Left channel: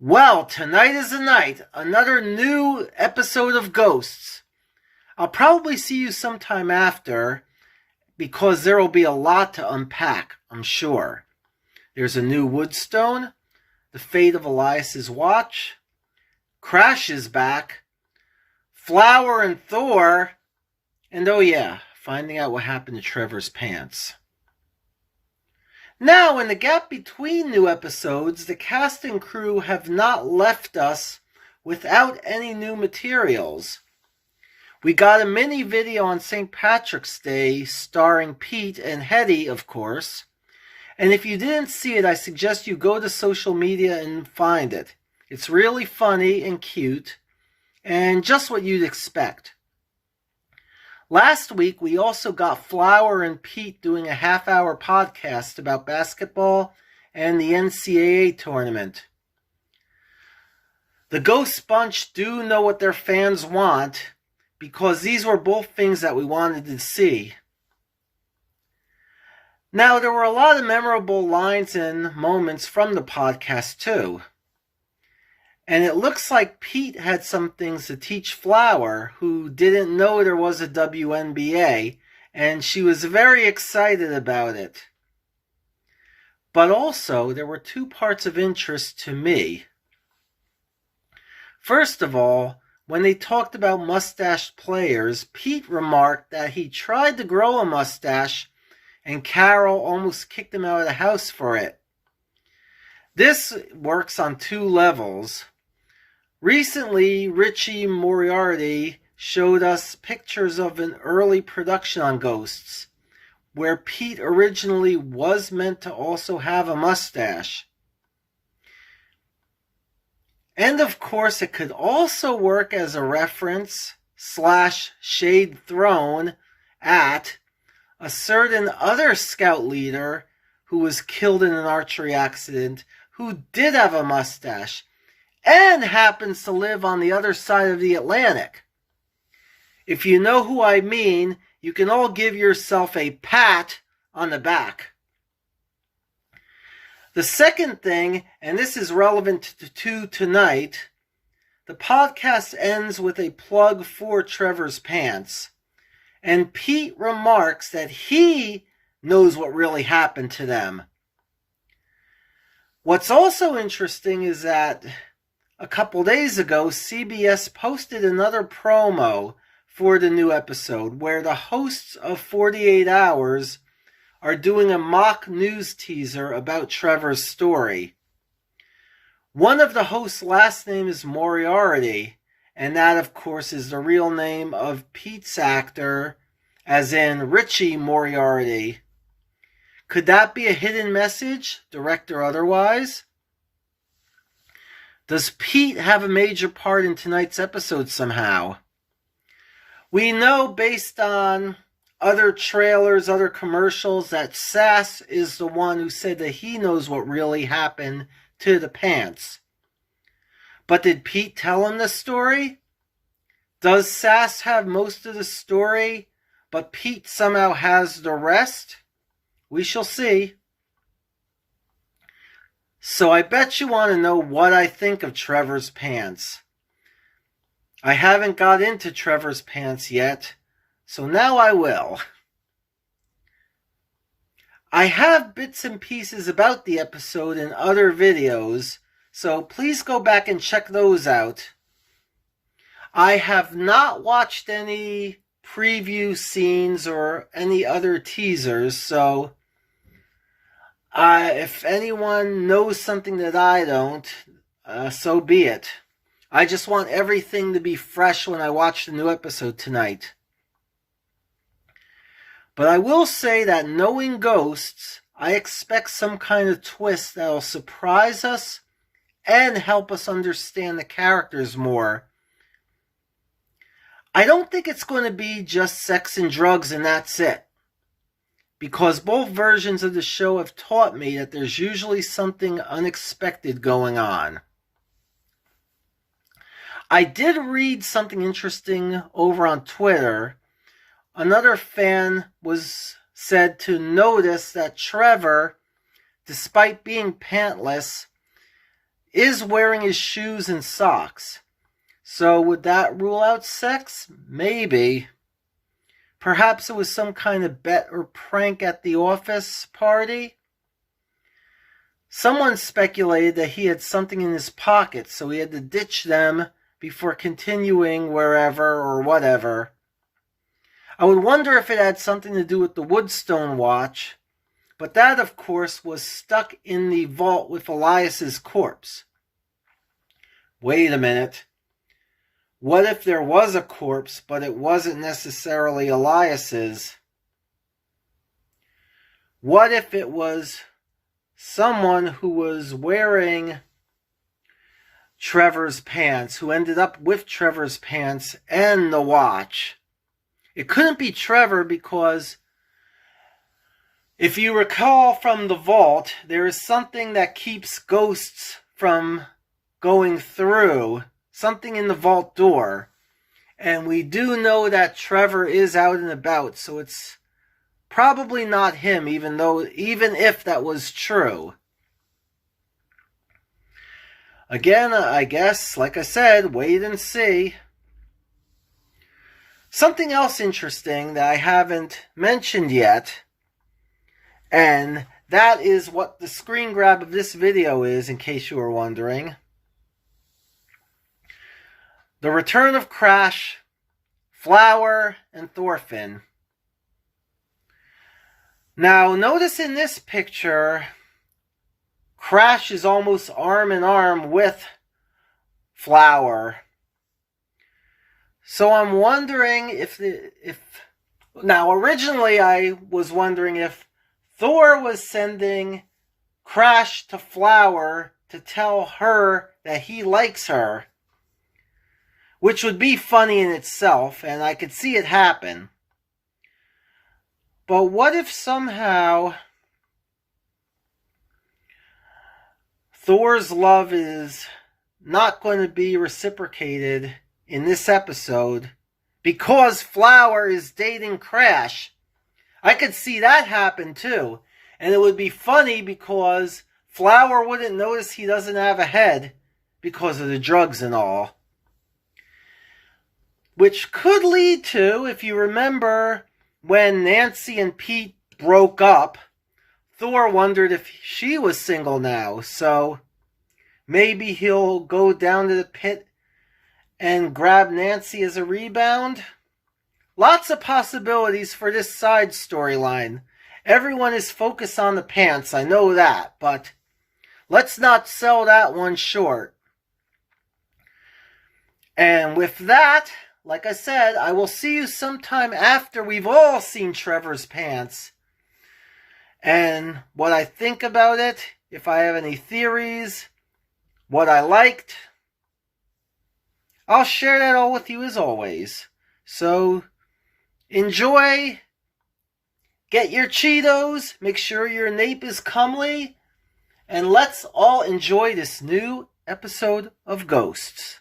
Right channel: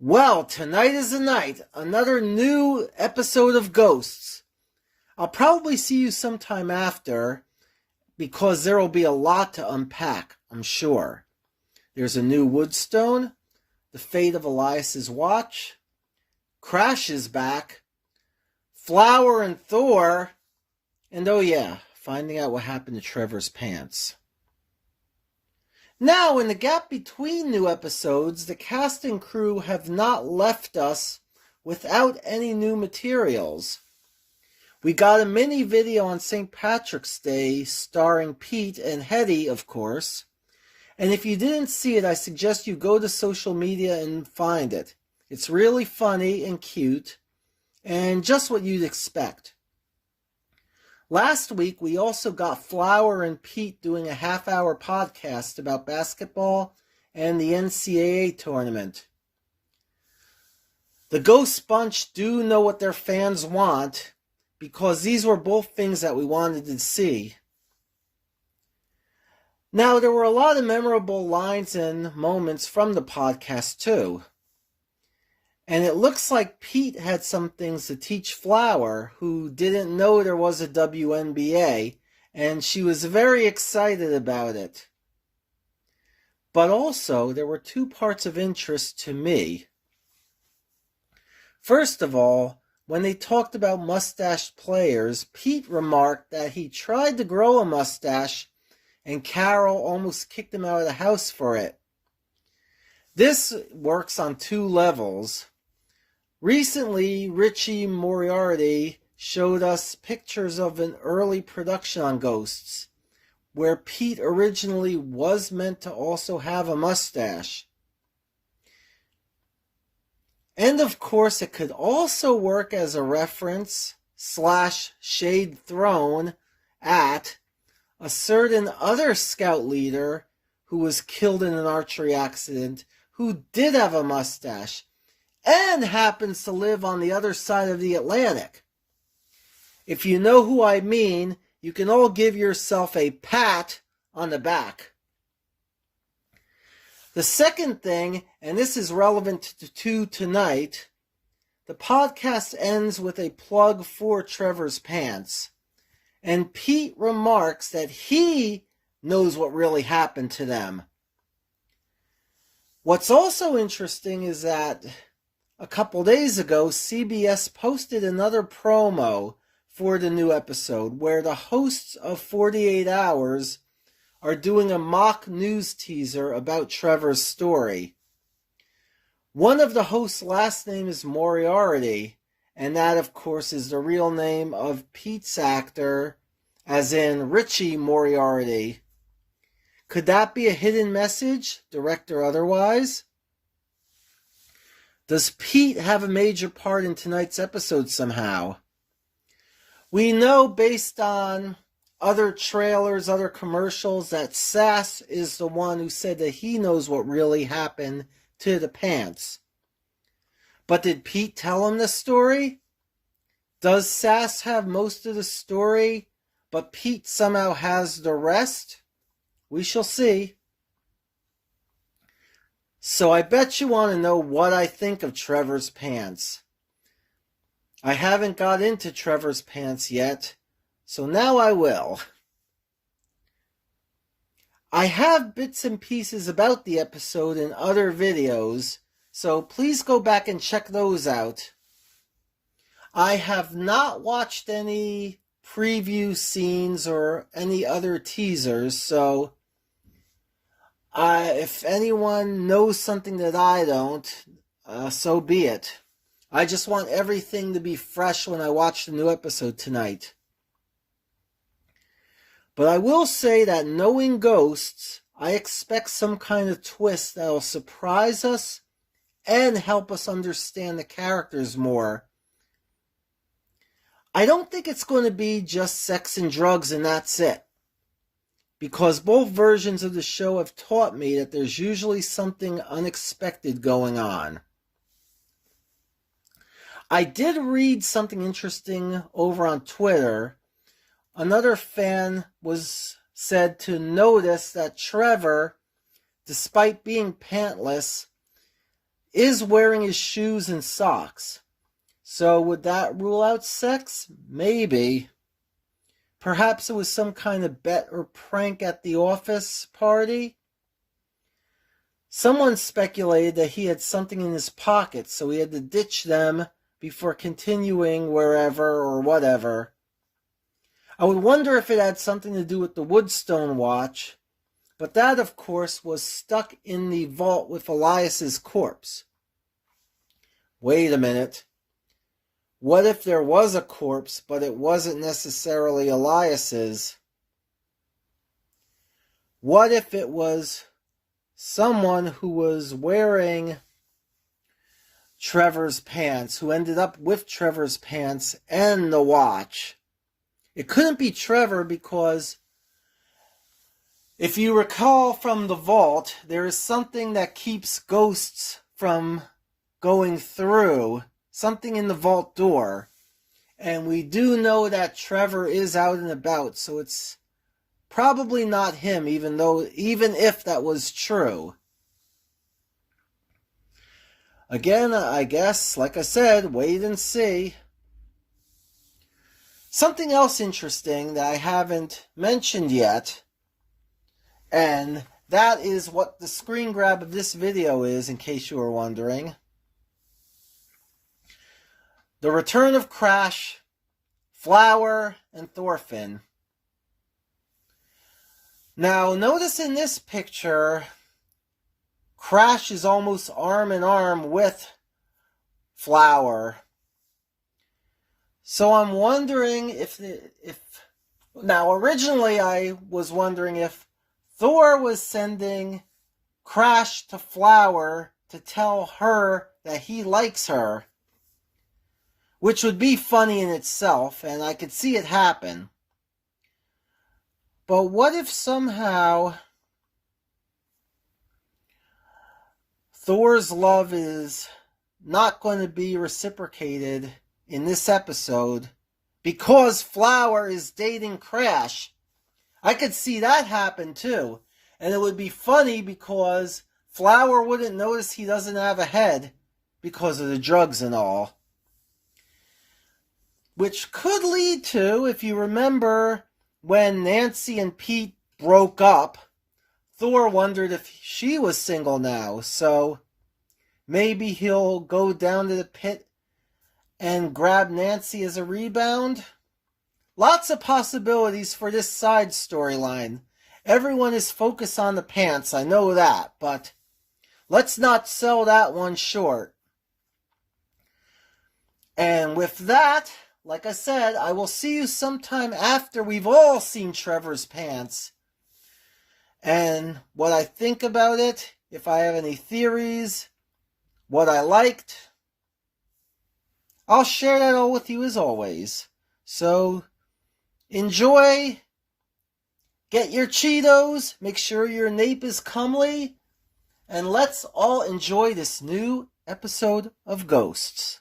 Well, tonight is the night. Another new episode of Ghosts. I'll probably see you sometime after because there will be a lot to unpack, I'm sure. There's a new Woodstone, the fate of Elias's watch, Crash is back, Flower and Thor, and oh yeah, finding out what happened to Trevor's pants. Now, in the gap between new episodes, the cast and crew have not left us without any new materials. We got a mini video on St. Patrick's Day starring Pete and Hetty, of course. And if you didn't see it, I suggest you go to social media and find it. It's really funny and cute, and just what you'd expect. Last week, we also got Flower and Pete doing a half-hour podcast about basketball and the NCAA tournament. The Ghost Bunch do know what their fans want, because these were both things that we wanted to see. Now, there were a lot of memorable lines and moments from the podcast, too. And it looks like Pete had some things to teach Flower, who didn't know there was a WNBA, and she was very excited about it. But also, there were two parts of interest to me. First of all, when they talked about mustached players, Pete remarked that he tried to grow a mustache, and Carol almost kicked him out of the house for it. This works on two levels. Recently, Richie Moriarty showed us pictures of an early production on Ghosts, where Pete originally was meant to also have a mustache. And of course, it could also work as a reference / shade thrown at a certain other scout leader who was killed in an archery accident who did have a mustache and happens to live on the other side of the Atlantic. If you know who I mean, you can all give yourself a pat on the back. The second thing, and this is relevant to tonight, the podcast ends with a plug for Trevor's pants. And Pete remarks that he knows what really happened to them. What's also interesting is that a couple days ago, CBS posted another promo for the new episode where the hosts of 48 Hours are doing a mock news teaser about Trevor's story. One of the hosts' last name is Moriarty, and that, of course, is the real name of Pete's actor, as in Richie Moriarty. Could that be a hidden message, direct or otherwise? Does Pete have a major part in tonight's episode somehow? We know based on other trailers, other commercials, that Sass is the one who said that he knows what really happened to the pants. But did Pete tell him the story? Does Sass have most of the story, but Pete somehow has the rest? We shall see. So I bet you want to know what I think of Trevor's pants. I haven't got into Trevor's pants yet, so now I will. I have bits and pieces about the episode in other videos, so please go back and check those out. I have not watched any preview scenes or any other teasers, so if anyone knows something that I don't, so be it. I just want everything to be fresh when I watch the new episode tonight. But I will say that knowing Ghosts, I expect some kind of twist that'll surprise us and help us understand the characters more. I don't think it's going to be just sex and drugs and that's it. Because both versions of the show have taught me that there's usually something unexpected going on. I did read something interesting over on Twitter. Another fan was said to notice that Trevor, despite being pantless, is wearing his shoes and socks. So would that rule out sex? Maybe. Perhaps it was some kind of bet or prank at the office party. Someone speculated that he had something in his pocket, so he had to ditch them before continuing wherever or whatever. I would wonder if it had something to do with the Woodstone watch, but that, of course, was stuck in the vault with Elias's corpse. Wait a minute. What if there was a corpse, but it wasn't necessarily Elias's? What if it was someone who was wearing Trevor's pants, who ended up with Trevor's pants and the watch? It couldn't be Trevor because if you recall from the vault, there is something that keeps ghosts from going through, something in the vault door. And we do know that Trevor is out and about, so it's probably not him, even if that was true. Again, I guess, like I said, wait and see. Something else interesting that I haven't mentioned yet, and that is what the screen grab of this video is, in case you were wondering. The return of Crash, Flower, and Thorfinn. Now, notice in this picture, Crash is almost arm in arm with Flower. So I'm wondering now originally I was wondering if Thor was sending Crash to Flower to tell her that he likes her, which would be funny in itself, and I could see it happen. But what if somehow Thor's love is not going to be reciprocated in this episode because Flower is dating Crash? I could see that happen too. And it would be funny because Flower wouldn't notice he doesn't have a head because of the drugs and all. Which could lead to, if you remember, when Nancy and Pete broke up, Thor wondered if she was single now. So maybe he'll go down to the pit and grab Nancy as a rebound. Lots of possibilities for this side storyline. Everyone is focused on the pants, I know that, but let's not sell that one short. And with that, like I said, I will see you sometime after we've all seen Trevor's pants. And what I think about it, if I have any theories, what I liked, I'll share that all with you as always. So, enjoy, get your Cheetos, make sure your nape is comely, and let's all enjoy this new episode of Ghosts.